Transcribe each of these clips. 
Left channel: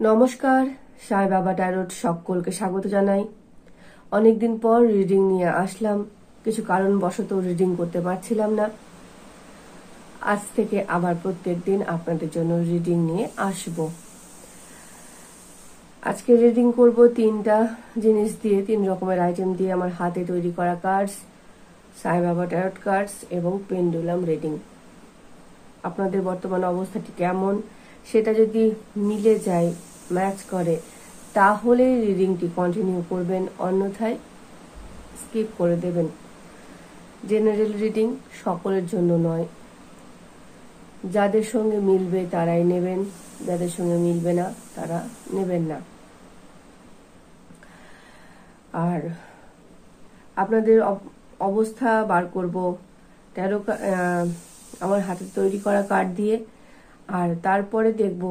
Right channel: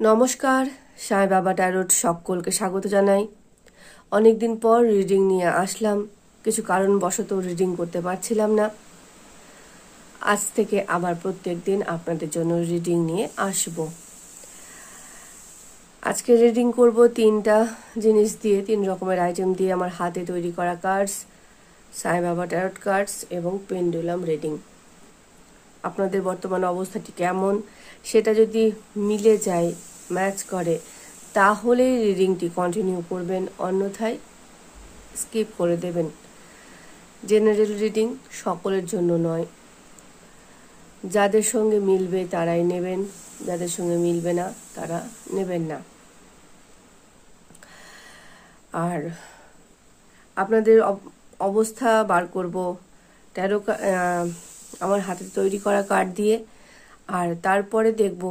নমস্কার, সাই বাবা ট্যারোট সকলকে স্বাগত জানাই। অনেকদিন পর রিডিং নিয়ে আসলাম। কিছু কারণবশত রিডিং করতে পারছিলাম না। আজ থেকে আবার প্রত্যেক দিন আপনাদের জন্য রিডিং নিয়ে আসব। আজকে রিডিং করব তিনটা জিনিস দিয়ে, 3 রকমের আইটেম দিয়ে আমার হাতে তৈরি করা কার্ডস, সাই বাবা ট্যারোট কার্ডস এবং পেন্ডুলাম রিডিং। আপনাদের বর্তমান অবস্থাটি কেমন সেটা যদি মিলে যায়, ম্যাচ করে, তাহলে রিডিংটি কন্টিনিউ করবেন, অন্যথায় স্কিপ করে দেবেন। জেনারেল রিডিং সকলের জন্য নয়। যাদের সঙ্গে মিলবে তারাই নেবেন, যাদের সঙ্গে মিলবে না তারা নেবেন না। আর আপনাদের অবস্থা বার করব ট্যারো আমার হাতে তৈরি করা কার্ড দিয়ে, আর তারপরে দেখব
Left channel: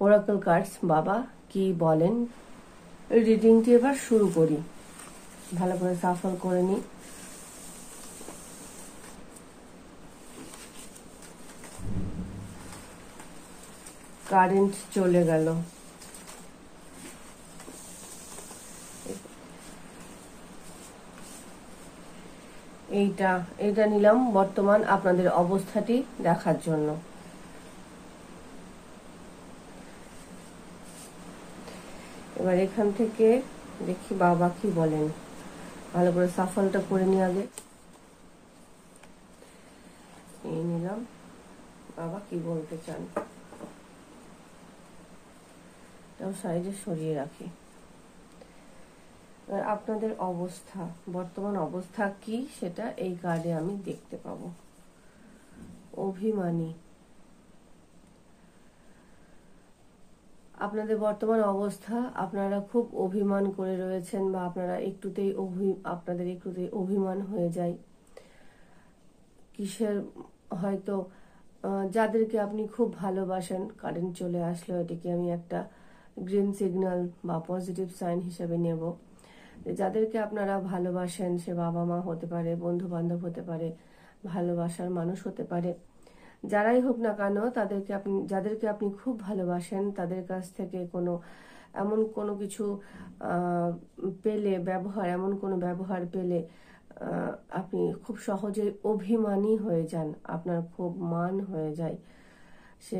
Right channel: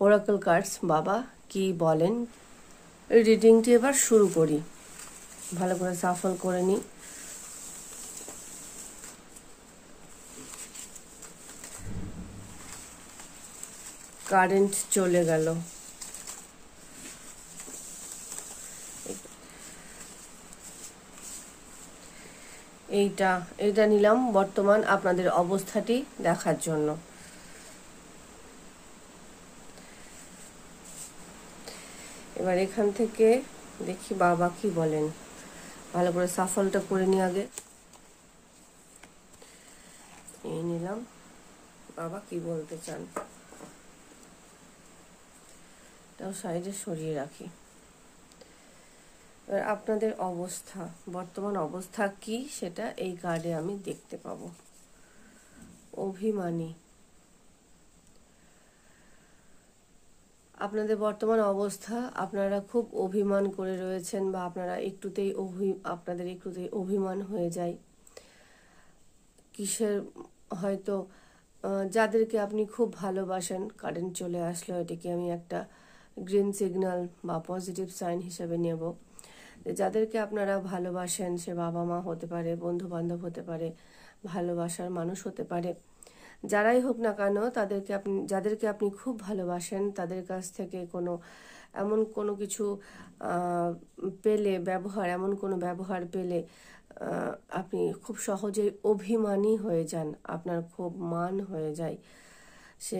ওরাকল কার্ডস বাবা কি বলেন। রিডিংটি এবার শুরু করি। ভালো করে সাফল করে নিই। কারেন্ট চলে গেল। এইটা নিলাম বর্তমান আপনাদের অবস্থাটি দেখার জন্য। এবার এখান থেকে দেখি বাবা কি বলেন। ভালো করে সাফলটা করে নিই আগে। এই নিলাম, বাবা কি বলতে চান তাও সাইডে সরিয়ে রাখি। এবার আপনাদের অবস্থা, বর্তমান অবস্থা কি সেটা এই কার্ডে আমি দেখতে পাবো। অভিমানী, আপনাদের বর্তমান অবস্থা, আপনারা খুব অভিমান করে রয়েছেন, বা আপনাদের একটুতেই অভিমান হয়ে যায় কিসের, হয়তো যাদেরকে আপনি খুব ভালোবাসেন। কারেন্ট চলে আসলো, এটিকে আমি একটা গ্রিন সিগন্যাল বা পজিটিভ সাইন হিসেবে নেব। যাদেরকে আপনারা ভালোবাসেন, সে বাবা মা হতে পারে, বন্ধু বান্ধব হতে পারে, ভালোবাসার মানুষ হতে পারে, যারাই হোক না কেন, যাদেরকে আপনি খুব ভালোবাসেন তাদের কাছ থেকে এমন কোনো কিছু পেলে, এমন কোনো ব্যবহার পেলে আপনি খুব সহজেই অভিমানী হয়ে যান, আপনার খুব মান হয়ে যায়। সে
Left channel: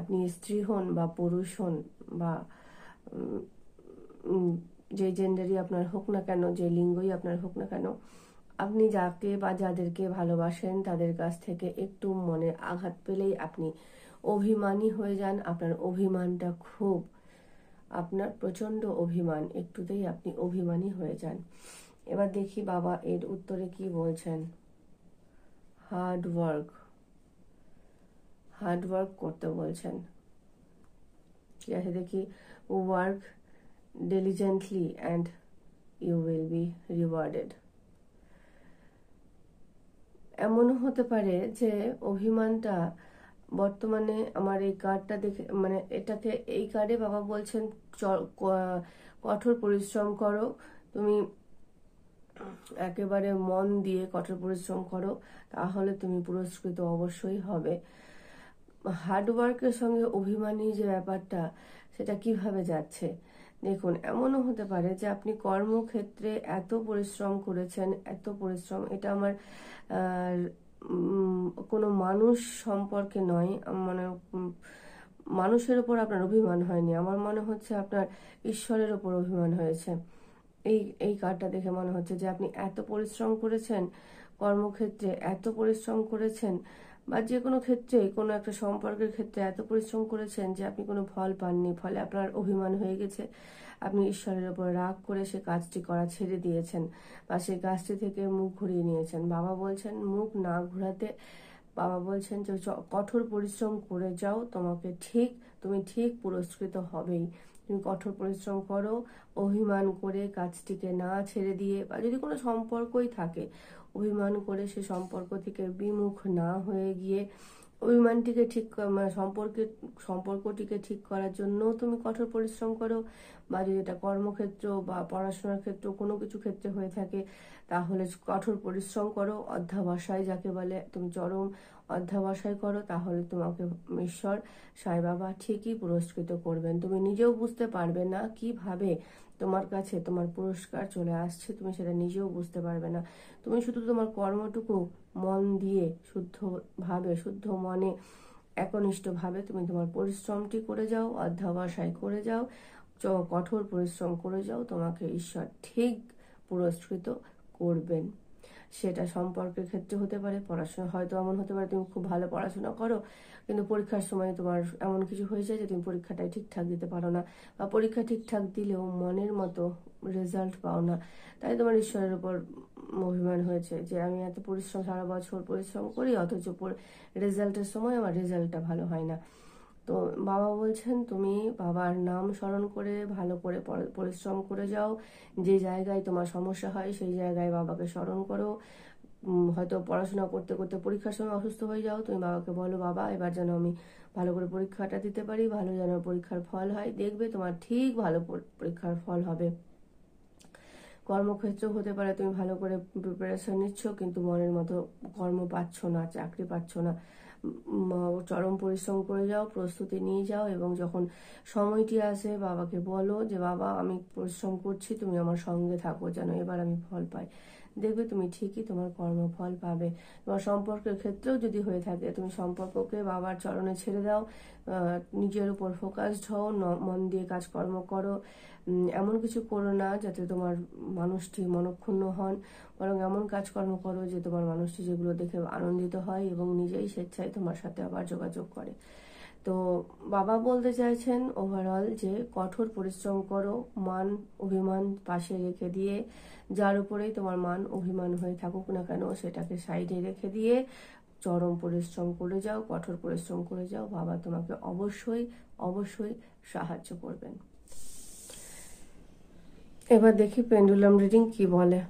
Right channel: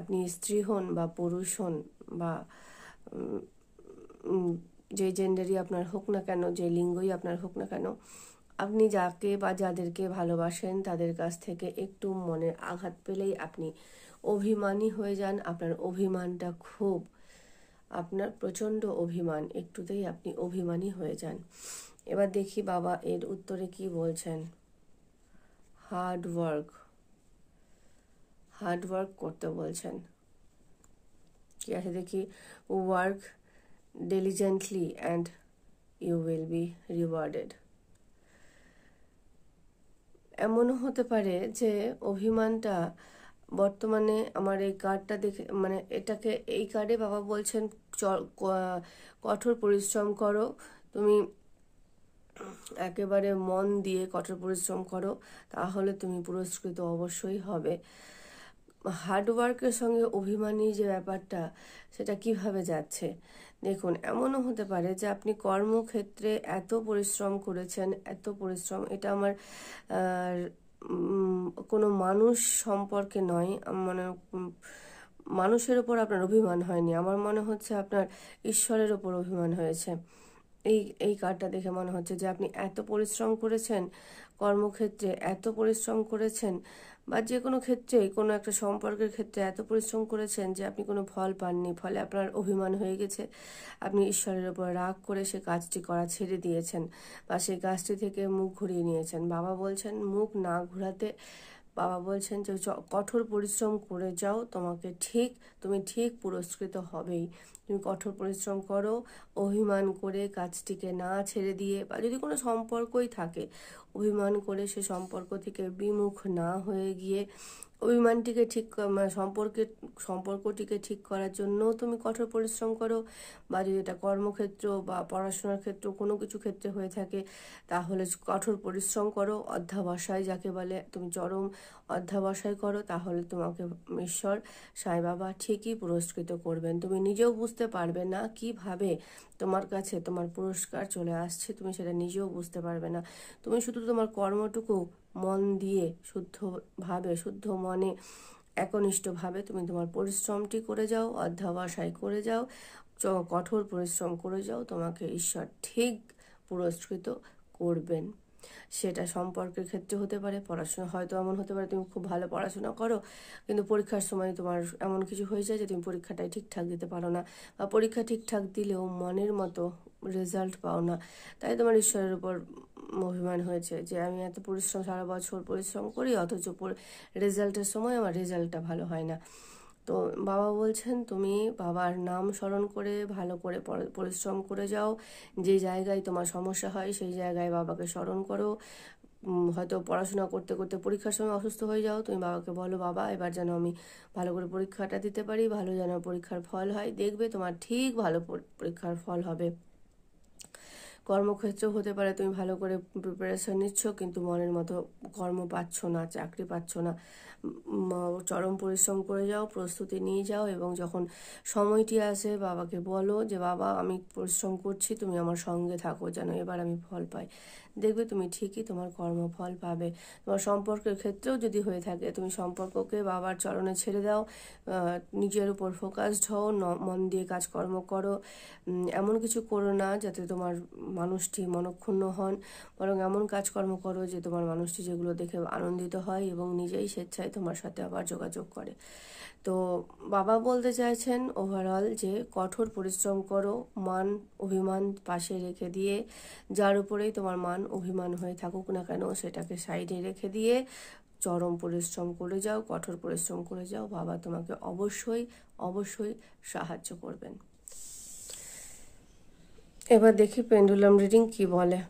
আপনি স্ত্রী হন বা পুরুষ হন, বা যে জেন্ডারই আপনার হোক না কেন, যে লিঙ্গই আপনার হোক না কেন, আপনি যাকে বা যাদেরকে ভালোবাসেন তাদের কাছ থেকে একটু মনে আঘাত পেলেই আপনি অভিমানী হয়ে যান। আপনার অভিমানটা আপনার প্রচন্ড অভিমান, একটুতেই আপনি অভিমানী হয়ে যান। এবার দেখি বাবা এর উত্তরে কি বলছেন। হার্ড ওয়ার্ক করতে বলছেন। কি আছে দেখি। Work diligently and you will be rewarded. এমনও হতে পারে যে অভিমানটা বর্তমানে আমার এই কার্ডটা দেখে, মানে এই কার্ডে বাবা বলছেন কঠোর পরিশ্রম করো, তুমি একেবারে মন দিয়ে কঠোর পরিশ্রম করো, তাহলে তুমি পুরস্কৃত অবশ্যই হবে। হার্ডওয়ার্কের সঙ্গে অভিমানী যে ব্যাপারটা, সেটা কিভাবে যাচ্ছে দেখুন। এমনও হতে পারে যে আপনি কর্মক্ষেত্রে এত পরিশ্রম করেছেন, এটা আমার কোনো মানুষ সম্পর্কে নয়, মানে মানুষের ওপর আপনার অভিমান হয়নি, আমার মনে হচ্ছে আপনার ঈশ্বরের ওপর অভিমান হয়েছে। এই কার্ডটা দেখে মনে হচ্ছে যে আপনি এত পরিশ্রম করেছেন, কর্মক্ষেত্রে এত পরিশ্রম করেছেন, বা যে কোনো ক্ষেত্রে, কোনো একটা সম্পর্কের ক্ষেত্রে এত পরিশ্রম করেছেন যে আপনি কোনো ফল পাননি, ফলে আপনার অভিমান হয়ে গেছে। আপনি ঈশ্বরের ওপর রাগ করে সে কাজটি করা ছেড়ে দিয়েছেন, বা সেই কাজটি থেকে মুখ ঘুরিয়ে নিয়েছেন। বাবা বলছেন মুখ না ঘোরাতে, বাবা বলছেন যে কঠোর পরিশ্রম করে যাও, তুমি ঠিক পুরস্কৃত হবেই। তুমি কঠোর পরিশ্রম করো, অভিমান করে কাজটিকে না ছেড়ে দিয়ে, বা যদি কোনো সম্পর্কই থাকে, অভিমান করে সে সম্পর্ক থেকে বিমুখ না হয়ে গিয়ে অভিমানটিকে ঠিক মানে সম্পর্কটিকে ঠিক করার জন্য তুমি কঠোর পরিশ্রম করো, বা যদি এটা কর্মক্ষেত্র বা পড়াশোনার ক্ষেত্র কোনো কিছু ক্ষেত্রে হয়ে থাকে তাহলে কঠোর পরিশ্রম করো, অধ্যবসায় যাকে বলে, তুমি চরম অধ্যবসায় করো, তাহলে তোমাকে ঈশ্বর সাই বাবা ঠিকই পুরস্কৃত করবেন। তুমি নিজেও বুঝতে পারবে না কিভাবে তোমার কাছে তোমার পুরস্কার চলে আসছে, তুমি সেটা নিজেও বুঝতে পারবে না। তুমি শুধু তোমার কর্মটুকু মন দিয়ে শুদ্ধভাবে, শুদ্ধ মনে, একনিষ্ঠভাবে তুমি তোমার পরিশ্রমটি করে যাও, অধ্যবসায় করে যাও, কঠোর পরিশ্রম করে যাও, তোমাকে ঈশ্বর ঠিক পুরস্কৃত করবেন। সেটা সম্পর্কের ক্ষেত্রে হতে পারে, পড়াশোনা হয়তো এমন হতে পারে তুমি খুব ভালো পড়াশোনা করো কিন্তু পরীক্ষার সময় তোমার এমন কিছু হয়ে যায় যে তুমি পরীক্ষাটাই ঠিকঠাক দিতে পারো না, বা পরীক্ষা ঠিকঠাক দিলেও মনের মতো রেজাল্ট পাও না। তাই তোমার ঈশ্বরের উপর অভিমান হয়েছে যে আমি এত পরিশ্রম, সারা বছর পরিশ্রম করি, অথচ রেজাল্টের সময় আমার রেজাল্টটা ভালো হয় না। তো বাবা বলছেন তুমি বাবার নাম স্মরণ করে ভালো করে পরিশ্রম করে যাও। যে জায়গায় তোমার সমস্যা হয় সেই জায়গায় বাবাকে স্মরণ করো। হয়তো পড়াশোনা করতে করতে পরীক্ষার সময় অসুস্থ হয়ে যাও, তুমি বাবাকে বলো বাবা এবার যেন আমি ভালো করে পরীক্ষাটা দিতে পারি, ভালো যেন পরীক্ষার ফল হয়, দেখবে তোমার ঠিক ভালো পরীক্ষার ফল হবে। কর্মক্ষেত্র হতে পারে তুমি ভালো করে প্রিপারেশন নিচ্ছ কিন্তু মনের মতো কর্ম পাচ্ছ না, চাকরি পাচ্ছ না, চরম পরিশ্রম করে যাও, প্রস্তুতি নিয়ে যাও, এবং যখন সময়টি আসে বাবাকে বলো যে বাবা আমি পরিশ্রম করছি, তুমি আমার সঙ্গে থাকো যেন এবার আমি ফল পাই। দেখবে তুমি ঠিকই তোমার কর্মফল পাবে। তোমার সম্পর্কের ক্ষেত্রেও যদি হয়ে থাকে তুমি সম্পর্ককে বাবার চরণে ছেড়ে দাও, নিজের উপর ফোকাসড হও, মন দিয়ে কাজকর্ম করো। এমন কিছু করো না যাতে তোমার মানুষটি মনক্ষুণ্ণ হন, বরং এমন কাজকর্ম করো যে তোমার মানুষটি যেগুলো দেখে আনন্দিত হয় এবং নিজেই স্বেচ্ছায় তোমার সাথে আবার যোগাযোগ করে। তো বাবা বলতে চাইছেন ওভারঅল যে কঠোর পরিশ্রম করো, মান অভিমান পাশে রেখে দিয়ে, যার উপরেই তোমার মান অভিমান হয়ে থাকুক না কেন সেটাকে সাইডে রেখে দিয়ে চরম পরিশ্রম করে যাও, কঠোর পরিশ্রম করে যাও, বাবা তোমাকে অবশ্যই অবশ্যই সাহায্য করবেন। এবার দেখি পেন্ডুলাম রিডিং কি বলে।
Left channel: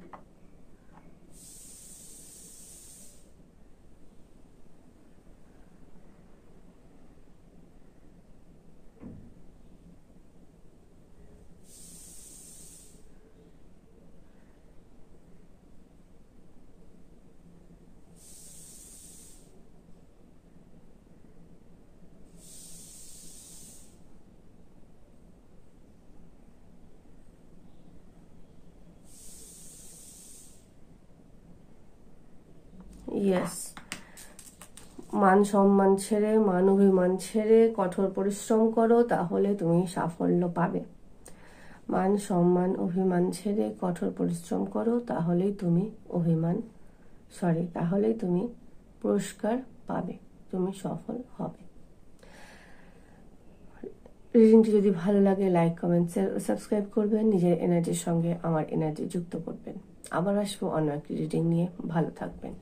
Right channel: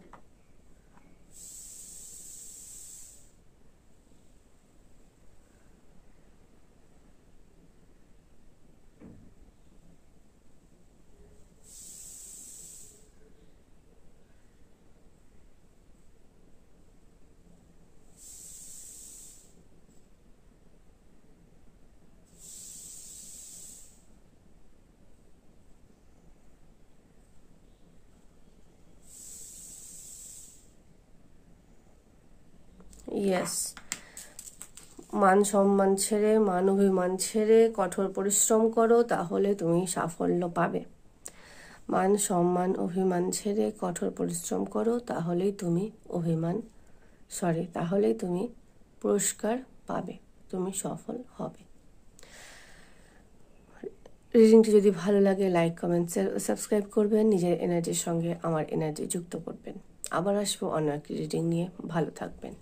ইয়েস, মান সম্মান ছেড়ে, মান অভিমান ছেড়ে কঠোর পরিশ্রম করো, তাহলে তুমি সাফল্য পাবে। মান সম্মান অভিমান ছেড়ে কঠোর পরিশ্রম করো, তাহলেই তুমি তাহলেই তুমি পুরস্কার পাবে, তুমি সফল হবে। রিডিংটি যদি ভালো লাগে লাইক, কমেন্ট, সাবস্ক্রাইব করবেন, নিজের এনার্জির সঙ্গে আমার এনার্জি যুক্ত করবেন। আবার আসবো অন্য একটি রিডিং নিয়ে। ভালো থাকবেন।